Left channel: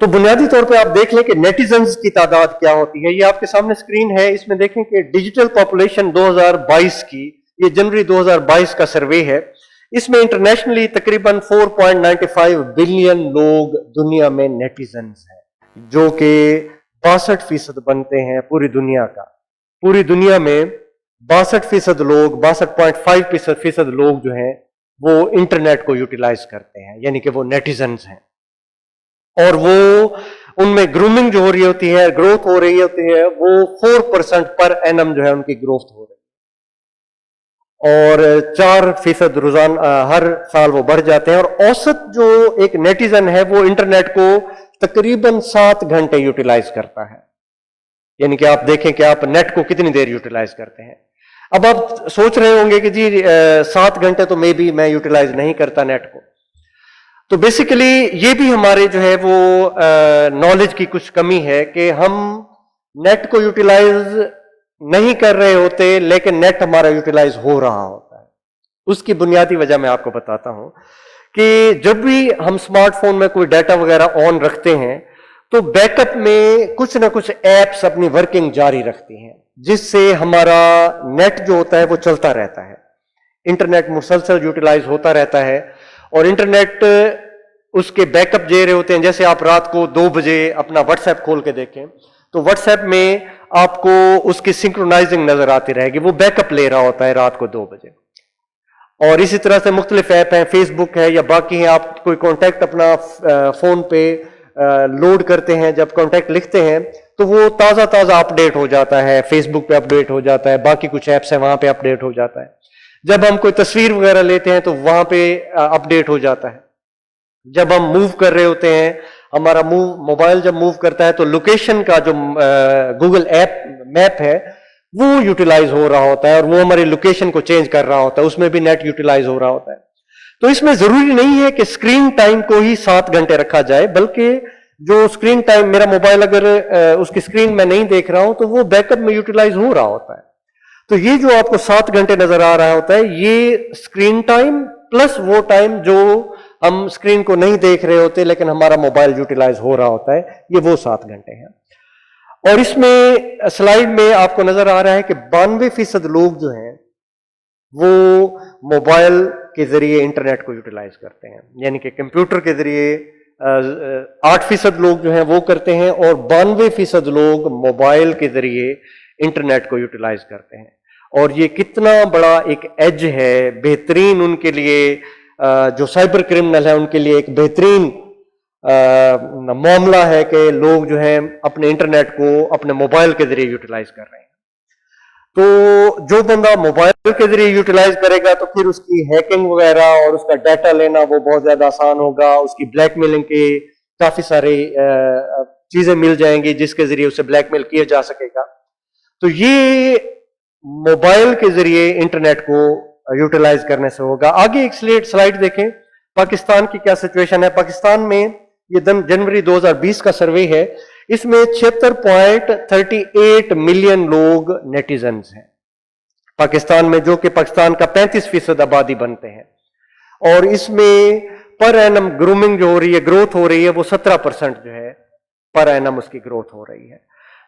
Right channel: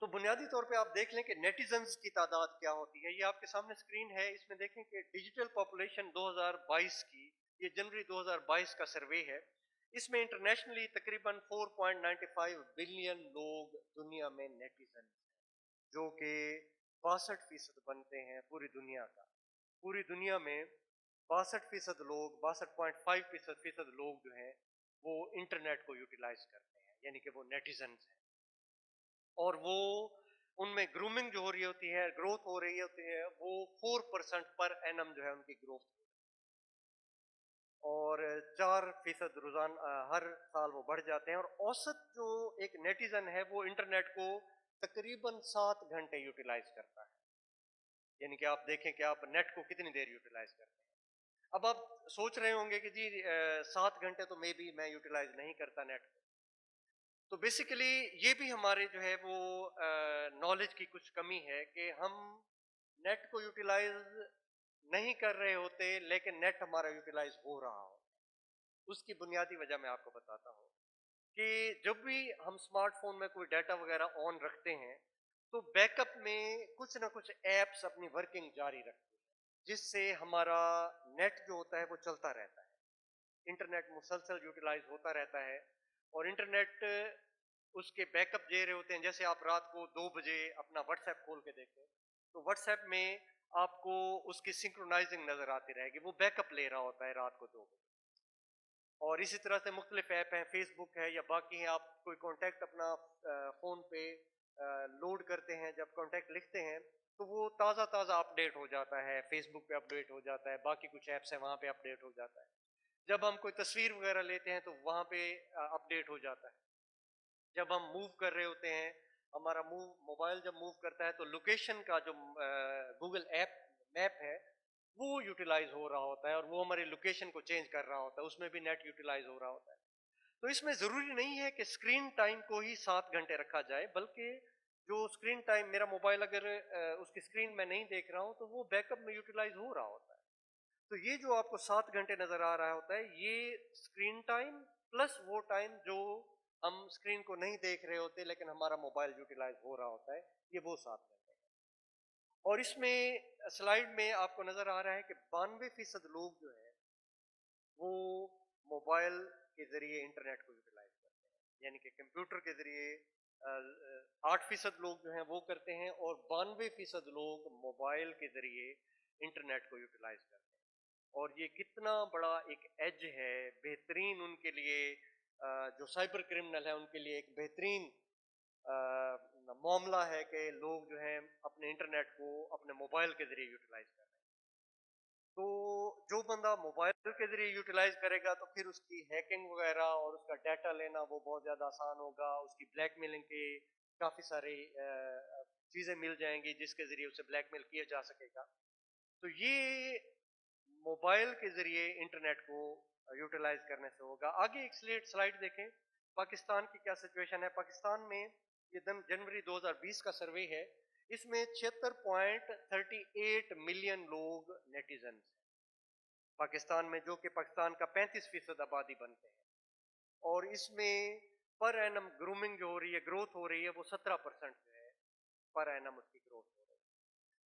تو بنیادی طور پہ آپ دیکھ لیں کہ نیٹیزنز کی تعداد کیا ہوتی ہے. یہ آپ کے سامنے اسکرین ہے, اس میں دیکھیں کہ ڈیجیٹل پاپولیشن 2022 کی, یہ جنوری 2022 کا سروے ہے, اس میں انٹرنیشنلی تقریباً 4.95 بلین لوگ دنیا میں نیٹیزنز ہیں, جو کہ 62% بنتے ہیں پوری دنیا کا. پوری دنیا میں 62% لوگ, 62.5% لوگ جو ہیں وہ انٹرنیٹ کو یوٹیلائز کرتے ہیں, یعنی کہ وہ نیٹیزنز ہیں. اور وہ ان میں گرومنگ جو ہو رہی ہوتی ہے, گروتھ ہو رہی ہوتی ہے, وہ 4% پر اینم جو ہے ان کی گروتھ ہو رہی ہے, اور 4% روزانہ ہر سال وہ بڑھ جاتے ہیں. اور اوسط جو ایک نیٹیزن ہے وہ انٹرنیٹ کو تقریباً 7 گھنٹے یوٹیلائز کرتا ہے. یعنی کہ آپ دیکھیں کہ آپ نیٹ کو کتنی دیر یوٹیلائز کرتے ہیں. اب آپ سوچ رہے ہوں گے کہ جی 7 گھنٹے تو میں یوٹیلائز نہیں کرتا نیٹ کو. تو بیسیکلی یہ بھی ہمارے جو ہے وہ نالج کی کچھ کمی ہے کہ ہم نیٹ کو یوٹیلائز نہیں کر رہے ہوتے, لیکن نیٹ ہمارا یوٹیلائز ہو رہا ہوتا ہے. اس کی بنیادی وجہ میں آپ کو بتاتا ہوں کہ جب بھی ہم اسمارٹ فون میں کوئی ڈیٹا وغیرہ آن رکھتے ہیں تو بیک اپ میں کچھ نہ کچھ ایپس اپنی ورکنگ جاری رکھتی ہیں, جس سے ہمارا نیٹ جو ہوتا ہے وہ چلتا رہتا ہے. انٹرنیٹ مسلسل یوٹیلائز ہوتا رہتا ہے, اور انٹرنیٹ اس کے بیک اپ دے رہے ہوتے ہیں. جیسے آپ رات کو 2 بجے اپنا واٹس ایپ کھول کے دیکھیں تو واٹس ایپ میں آپ کو اس کی سنکرونائزنگ نظر آتی رہے گی, وہ بیک اپ لے رہا ہوتا ہے رات کو 2 بجے. اور اسی طرح سے مختلف ایپ ہیں, فیس بک ہے یا باقی ہیں, آپ کوئی کانٹیکٹ اپنا فون پہ لوڈ کرتے ہیں, جب کانٹیکٹ لکھتے ہیں تو وہ تازہ اپڈیٹ ہو جاتا ہے, فیس بک پہ اپڈیٹ ہو جاتا ہے, باقی کچھ ایپس ہیں وہاں پہ اپڈیٹ ہو جاتا ہے. جب ہم کوئی تصویر وغیرہ لیتے ہیں تو وہاں پہ اپڈیٹ ہو جاتا ہے. جب ہم موو کر رہے ہوتے ہیں, ہمارا موبائل جب موو کرتا ہے تو لوکیشن کا جو گوگل ایپ میپ ہے وہ یوٹیلائز ہو رہا ہوتا ہے, اور وہ ہماری لوکیشن کو چینج کر رہا ہوتا ہے, اس میں بھی نیٹ یوٹیلائز ہو رہا ہوتا ہے. تو اس میں ضروری نہیں ہے کہ اسکرین ٹائم کو ہی 7 گھنٹے رکھا جائے, بلکہ جو اسکرین ٹائم, میرا موبائل اگر اس کی اسکرین میں نہیں دیکھ رہا ہوں تو وہ بیک اپ میں یوٹیلائز ہو رہا ہوتا ہے. تو یہ جو آپ کو 7 گھنٹے نظر آ رہا ہوتا ہے, یہ اسکرین ٹائم پلس وہ ٹائم جو ہم اسکرین کو نہیں دیکھ رہے ہوتے لیکن ہمارا موبائل یوٹیلائز ہو رہا ہوتا ہے, یہ وہ 7 گھنٹے ہیں. اور اس میں سلائیڈ میں آپ کو نظر آ رہا ہے کہ 92% لوگ جو ہیں وہ موبائل کے ذریعے انٹرنیٹ کو یوٹیلائز کرتے ہیں, یعنی کہ کمپیوٹر کے ذریعے 8% لوگ جو ہیں وہ کرتے ہیں, اور 92% لوگ موبائل کے ذریعے انٹرنیٹ کو یوٹیلائز کرتے ہیں. اور یہ کتنا بڑا ایک ایج ہے, بہترین ان کے لیے, جو سائبر کرمنل ہیں ان کے لیے ایک بہترین معاملہ ہے کہ لوگ جو ہیں اپنے انٹرنیٹ کو اپنے موبائل کے ذریعے یوٹیلائز کر رہے ہیں. تو جو بندہ موبائل کے ذریعے یوٹیلائز کرے گا تو پھر اس کی ہیکنگ وغیرہ اور اس کا ڈیٹا لینا وہ بہت زیادہ آسان ہوگا, اس کی بلیک میلنگ کے کافی سارے چیزیں مل جائیں گی جس کے ذریعے اسے بلیک میل کیا جا سکے گا. تو یہ موبائل کے ذریعے انٹرنیٹ کو یوٹیلائز کرنے سے ہوگا. آگے ایک سلائیڈ دیکھیں, پاکستان کی کیا سچویشن ہے. پاکستان میں یہ جنوری 2020 کا سروے ہے, اس میں 76.38 ملین لوگ نیٹیزنز ہیں پاکستان میں, جو کہ پاکستان کا 35% آبادی بنتے ہیں. اور اس میں پر اینم گرومنگ جو ہو رہی ہے, گروتھ ہو رہی ہے, وہ 17% جو ہے پر اینم اس کی گروتھ ہو رہی ہے.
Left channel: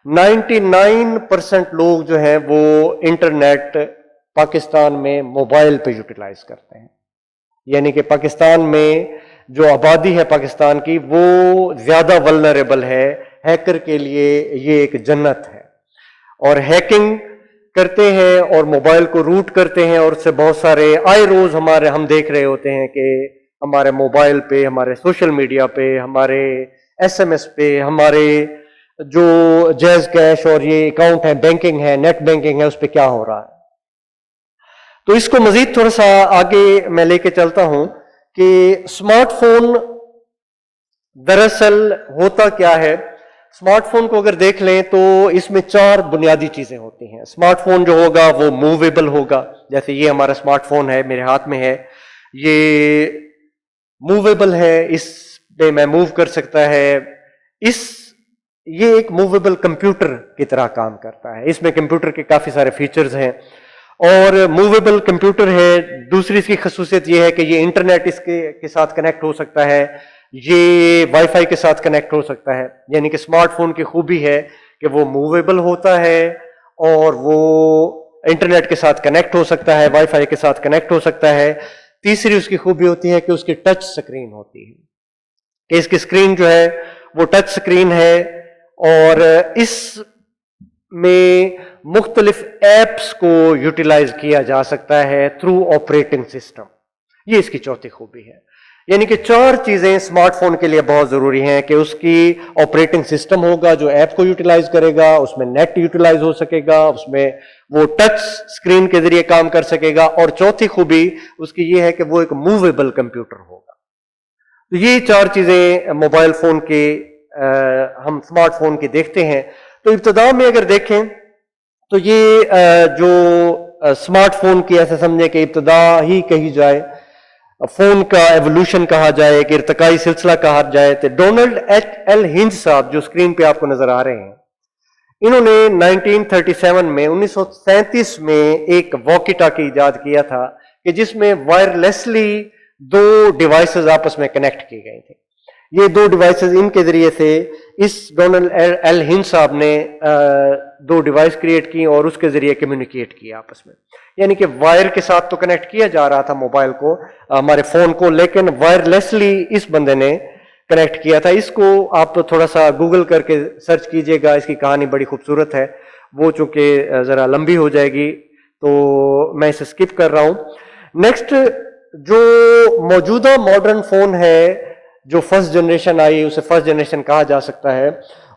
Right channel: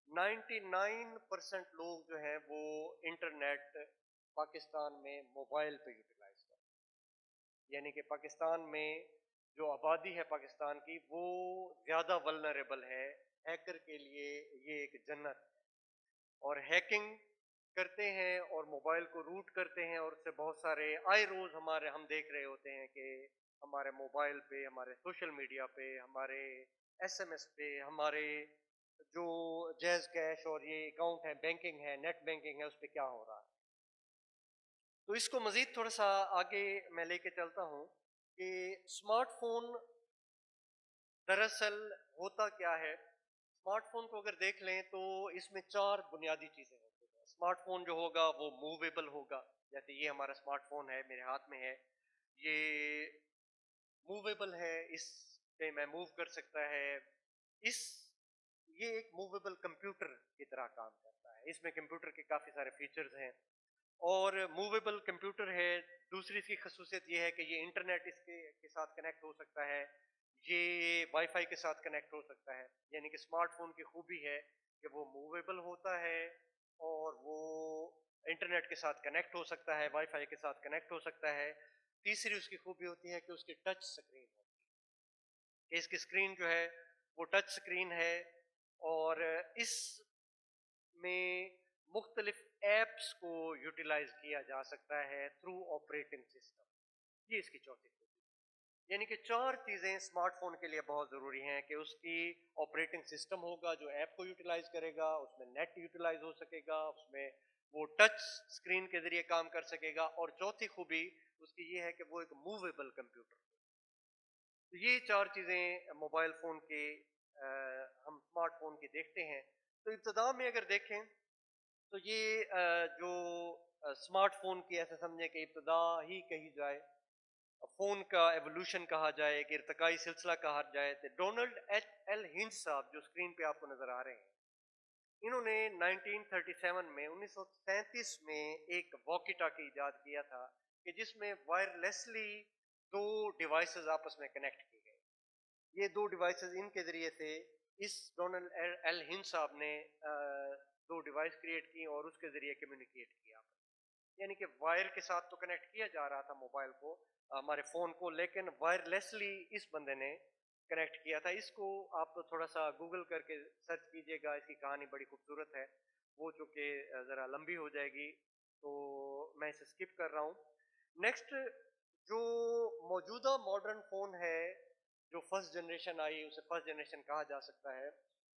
99% لوگ جو ہیں وہ انٹرنیٹ پاکستان میں موبائل پہ یوٹیلائز کرتے ہیں, یعنی کہ پاکستان میں جو آبادی ہے پاکستان کی وہ زیادہ ولنریبل ہے, ہیکر کے لیے یہ ایک جنت ہے. اور ہیکنگ کرتے ہیں اور موبائل کو روٹ کرتے ہیں, اور اس سے بہت سارے آئے روز ہم دیکھ رہے ہوتے ہیں کہ ہمارے موبائل پہ, ہمارے سوشل میڈیا پہ, ہمارے SMS پہ, ہمارے جو جیز کیش اور یہ اکاؤنٹ ہے, بینکنگ ہے, نیٹ بینکنگ ہے, اس پہ کیا ہو رہا ہے. تو اس کو مزید تھوڑا سا آگے میں لے کے چلتا ہوں کہ اسمارٹ فون دراصل ہوتا کیا ہے. اسمارٹ فون کو اگر دیکھ لیں تو اس میں 4 بنیادی چیزیں ہوتی ہیں. اسمارٹ فون جو ہوگا وہ موویبل ہوگا, جیسے یہ ہمارا اسمارٹ فون ہے, میرے ہاتھ میں ہے, یہ موویبل ہے, اس پہ میں موو کر سکتا ہے. یہ ایک موویبل کمپیوٹر کی طرح کام کرتا ہے, اس میں کمپیوٹر کے کافی سارے فیچرز ہیں اور موویبل کمپیوٹر ہے. دوسری اس کی خصوصیت یہ ہے کہ یہ انٹرنیٹ اس کے ساتھ کنیکٹ ہو سکتا ہے, یہ وائی فائی کے ساتھ کنیکٹ ہو سکتا ہے، یعنی کہ اسمارٹ فون کی خوبی ہے کہ وہ موویبل ہوتا ہے اور وہ انٹرنیٹ کے ساتھ کنیکٹ ہو سکتا ہے، وائی فائی کے ساتھ کنیکٹ ہو سکتا ہے۔ تیسری اس کی خوبی ہوتی ہے کہ اس کی ٹچ سکرین ہوتی ہے، کہ اس کی سکرین جو ہے وہ ٹچ سکرین ہے، اور اس میں مختلف ایپس کو یوٹیلائز کیا جا سکتا ہے تھرو آپریٹنگ سسٹم۔ یہ اس کی چوتھی خوبی ہے، یعنی کہ 4 چیزیں اسمارٹ فون کے لیے بہت ضروری ہیں کہ اس کی آپریٹنگ سسٹم ہوگا جو ایپ کو یوٹیلائز کرے گا، اس میں نیٹ یوٹیلائز ہو سکے گا، اس میں وہ ٹچ سکرین کے ذریعے کام کر سکے گا، اور چوتھی خوبی اس کی یہ ہے کہ وہ ایک موویبل کمپیوٹر ہوگا۔ تو یہ 4 چیزیں موبائل فون کے ہم اسمارٹ فون کی دیکھتے ہیں۔ تو ابتدا میں اگر دیکھیں تو یہ جو اسمارٹ فون کی ایسا سمجھیں کہ ابتدا ہی کہی جائے، فون کا ایوولوشن کہا جائے، کہ ارتقائی سلسلہ کہا جائے، تو ڈونلڈ ایل ہنج صاحب جو اسکرین پہ آپ کو نظر آ رہے ہیں، انہوں نے 1937 میں 1937 میں ایک واکی ٹاکی ایجاد کیا تھا کہ جس میں وائرلیسلی 2 ڈیوائسز آپس میں کنیکٹ کی گئی تھے۔ یہ 2 ڈیوائسز ان کے ذریعے سے اس ڈونلڈ ایل ہنج صاحب نے 2 ڈیوائس کریٹ کی اور اس کے ذریعے کمیونیکیٹ کیا آپس میں، یعنی کہ وائر کے ساتھ تو کنیکٹ کیا جا رہا تھا موبائل کو، ہمارے فون کو، لیکن وائرلیسلی اس بندے نے کنیکٹ کیا تھا۔ اس کو آپ تھوڑا سا گوگل کر کے سرچ کیجئے گا، اس کی کہانی بڑی خوبصورت ہے، وہ چونکہ ذرا لمبی ہو جائے گی تو میں اسے سکپ کر رہا ہوں۔ نیکسٹ جو موجودہ ماڈرن فون ہے جو فرسٹ جنریشن آئی، اسے فرسٹ جنریشن کہا جا سکتا ہے،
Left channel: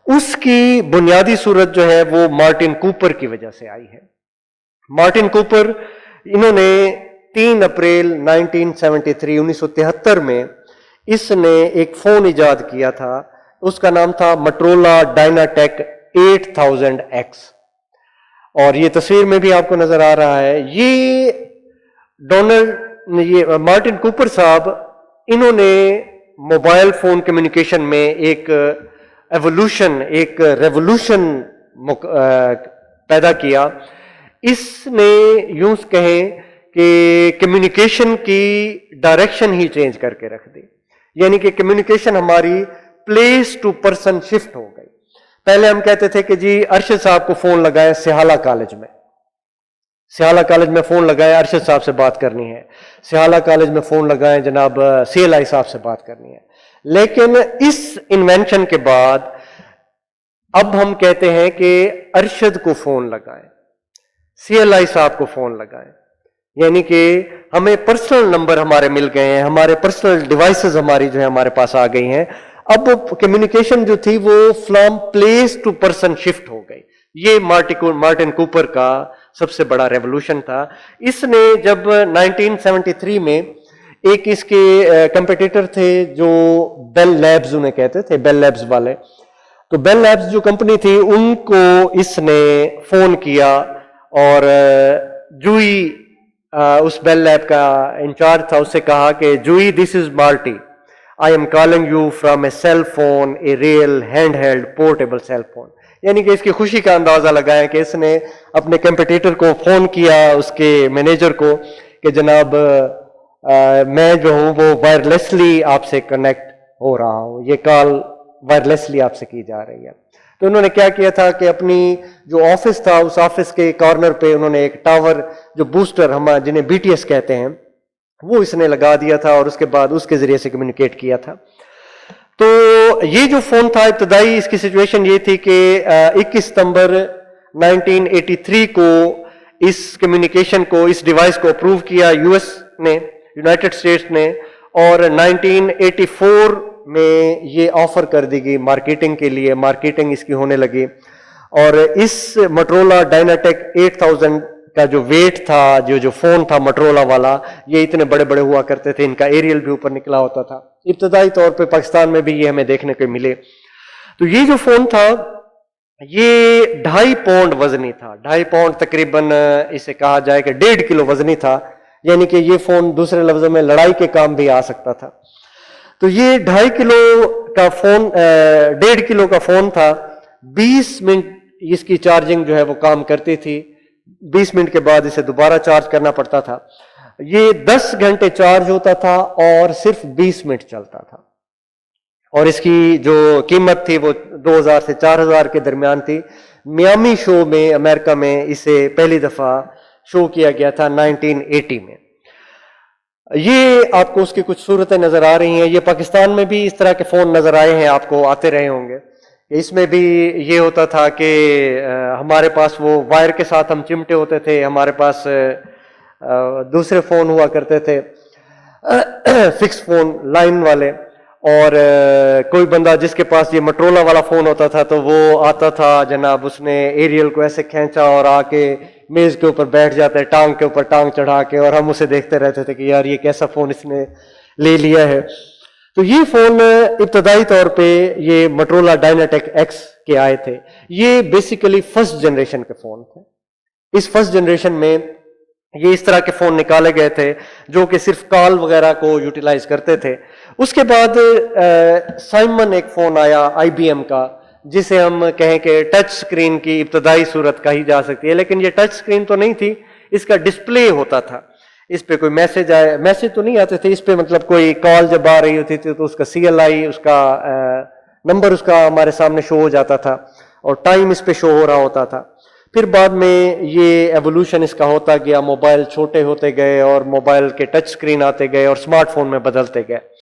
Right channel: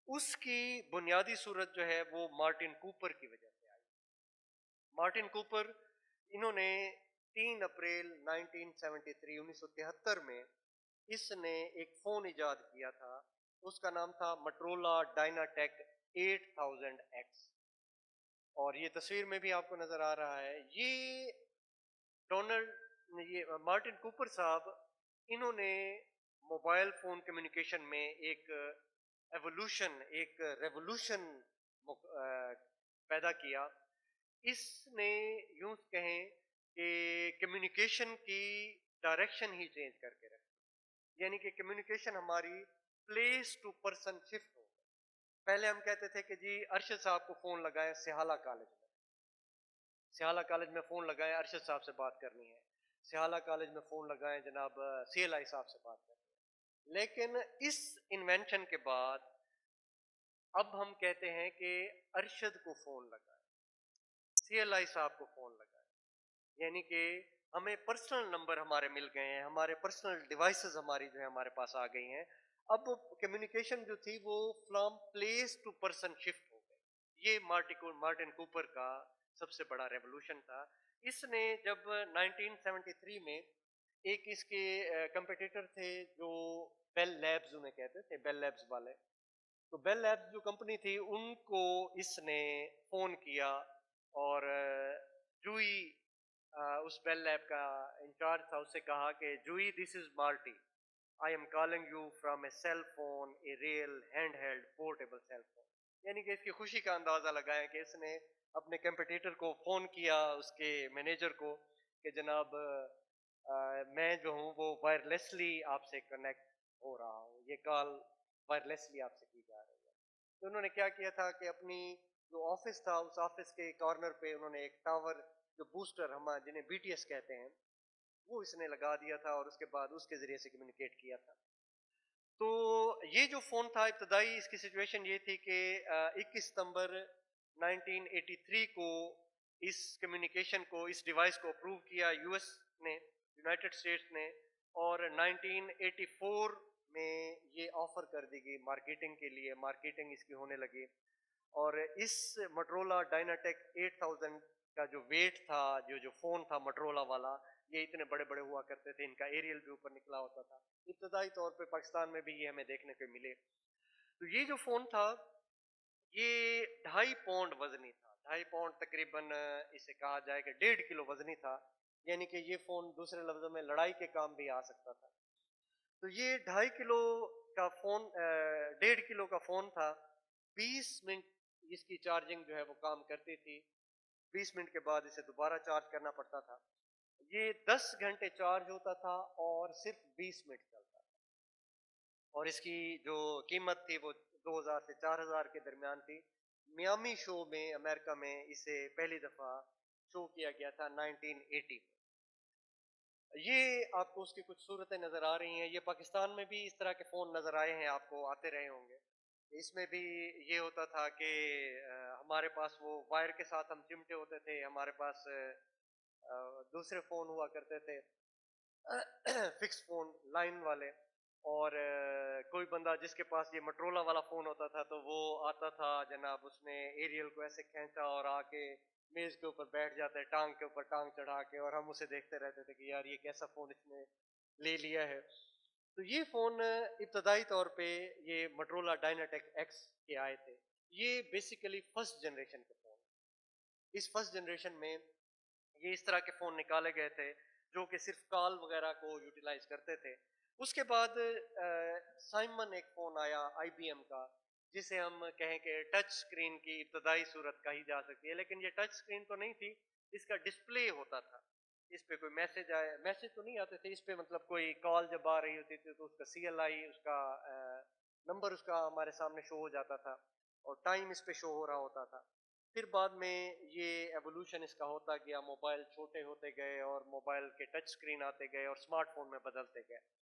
اس کی بنیادی صورت جو ہے وہ مارٹن کوپر کی وجہ سے آئی ہے۔ مارٹن کوپر، انہوں نے 3 اپریل 1973 میں اس نے ایک فون ایجاد کیا تھا، اس کا نام تھا مٹرولا ڈائناٹیک 8000X، اور یہ تصویر میں بھی آپ کو نظر آ رہا ہے۔ یہ مارٹن کوپر صاحب، انہوں نے موبائل فون کمیونیکیشن میں ایک ایوولوشن، ایک ریولوشن پیدا کیا۔ اس نے یوں کہیں کہ کمیونیکیشن کی ڈائریکشن ہی چینج کر کے رکھ دی، یعنی کہ کمیونیکیشن ہماری پلیس ٹو پرسن شفٹ ہو گئی۔ پہلے ہم کہتے تھے کہ جی ارشد صاحب کو فون لگائیں سیالہ کالج میں، سیالہ کالج میں فون لگائیں ارشد صاحب سے بات کرنی ہے، سیالہ کالج میں فون لگائیں جناب سی ایل آئی صاحب سے بات کرنی ہے۔ لیکن اس انوینشن کے بعد اب ہم کہتے ہیں کہ ارشد کو فون لگائیں، سی ایل آئی صاحب کو فون لگائیں، یعنی کہ ہمیں پرسنل نمبر ہمارے مل گئے ہیں، ہمارے پرسنل ڈیوائسز ہماری جو ہے ہمارے پاس آ گئی ہیں۔ اب کمیونیکیشن جو تھی وہ from place to person shift ہو گئی۔ یہ مارٹن کوپر کا سب سے بڑا ریولوشن تھا۔ اس نے جب 1973 میں ایک اس کے کمپیٹیٹر تھے جو بیل لیبز انہیں کہتے تھے، بیل لیبز والے، تو بیل لیبز جو کمپنی تھی ان کو اس نے فون کیا، اور جوئی اس بیل لیب کا انچارج تھا، اس سے کہا کہ Joey this is Marty, I am calling you from a cell phone, a real hand held portable cell phone, یعنی کہ اس کی خوشی کا اندازہ لگائیں کہ اس نے اپنے کمپیٹیٹر کو فون کیا، اس کے مینیجر کو، کہ جناب میں جو ہوں وہ وائرلیسلی آپ سے کنیکٹ ہو رہا ہوں، یہ کال وائرلیسلی آپ سے کی جا رہی ہے۔ تو انہوں نے کیا کیا تھا کہ اپنی جو آفس تھا اس آفس کے کارنر پہ انہوں نے ایک ٹاور جو بوسٹر ہم جنہیں بی ٹی ایس کہتے ہیں وہ اس نے لگا دیا تھا، اور اس کے بعد اس کے ذریعے سے کمیونیکیٹ کیا تھا۔ تو یہ جو فون تھا ابتدائی اس کی سچویشن یہ تھی کہ 21 ستمبر 1983 کو اس کمیونیکیشن کو، اس ڈیوائس کو اپروو کیا یو ایس نے، یونائٹڈ اسٹیٹس نے، اور 1984 میں یہ آفر کر دی گئی مارکیٹنگ کے لیے، مارکیٹنگ اس کی ہونے لگی، اور اس مٹرولا ڈائناٹیک 8000 کا جو ویٹ تھا، جو فون تھا مٹرولا والا، یہ اتنے بڑے بڑے ہوا کرتے تھے، ان کا ایریل بھی اوپر نکلا ہوتا تھا، ابتدائی طور پہ پاکستان میں بھی یہ ہمیں دیکھنے کو ملے۔ تو یہ جو فون تھا یہ 2.5 پاؤنڈ وزنی تھا، 2.5 پاؤنڈ تقریباً اسے کہا جائے کہ 1.5 کلو وزنی تھا، یعنی کہ یہ فون دوسرے لفظوں میں لڑائی کے کام بھی آ سکتا تھا۔ تو یہ 2.5 کلو کا فون، 1.5 کلو کا فون تھا، 20 منٹ اس کی چارجنگ جو ہے وہ کام کرتی تھی، 20 منٹ کے بعد اسے دوبارہ چارج کرنا پڑتا تھا۔ یہ 10 گھنٹے چارج ہوتا تھا اور صرف 20 منٹ چلتا تھا۔ اور اس کی جو قیمت تھی وہ 2000 سے 4000 کے درمیان تھی. میامی شو میں امریکہ میں اسے پہلی دفعہ شو کیا گیا تھا 1980 میں. یہ آپ کو اس کی کچھ صورتیں نظر آ رہی ہیں. یہ پاکستان میں بھی اس طرح کے فون نظر آئے ہیں, آپ کو آتے رہے ہوں گے. اس میں بھی یہ ہوتا تھا کہ ہمارے پاس وہ وائر کے ساتھ ہم چمٹے ہوتے تھے, ہمارے پاس دوسرے فون ہوا کرتے تھے فکس فون لائن والے, اور کوئی بندہ جس کے پاس یہ مٹرولا والا فون ہوتا تھا تو وہ آتا تھا جناب, اس نے ایریل کو ایسے کھینچا اور آ کے میز کے اوپر بیٹھ جاتا ہے, ٹانگ کے اوپر ٹانگ چڑھا کے, اور ہم اسے دیکھتے رہتے تھے کہ یار یہ کیسا فون اس نے لے لیا ہے. تو یہ فون ابتدائی طور پہ یہ مٹرولا ڈائناٹیک ایکس کے آئے تھے. یہ بیسیکلی فرسٹ جنریشن کے فون تھے. اس فرسٹ جنریشن میں یہ اس طرح کے فون نکالے گئے تھے جو کہ صرف کال وغیرہ کو یوٹیلائز کرتے تھے. اس کے بعد سائمن ایک فون آیا آئی بی ایم کا, جسے ہم کہیں کہ ٹچ سکرین کی ابتدائی صورت کہی جا سکتی ہے, لیکن یہ ٹچ سکرین تو نہیں تھی, اس کا ڈسپلے ہوتا تھا. اس پہ کوئی میسج آئے, میسج تو نہیں آتے تھے اس پہ, مطلب کوئی کال جب آ رہی ہوتی تھی تو اس کا سی ایل آئی, اس کا نمبر اس کا ہمارے سامنے شو ہو جاتا تھا, اور ٹائم اس پہ شو ہو رہا ہوتا تھا. پھر بعد میں یہ ایوولوشن اس کا ہوتا گیا, موبائل چھوٹے ہوتے گئے اور موبائل کے ٹچ سکرین آتے گئے اور اسمارٹ فون میں بدلتے گئے.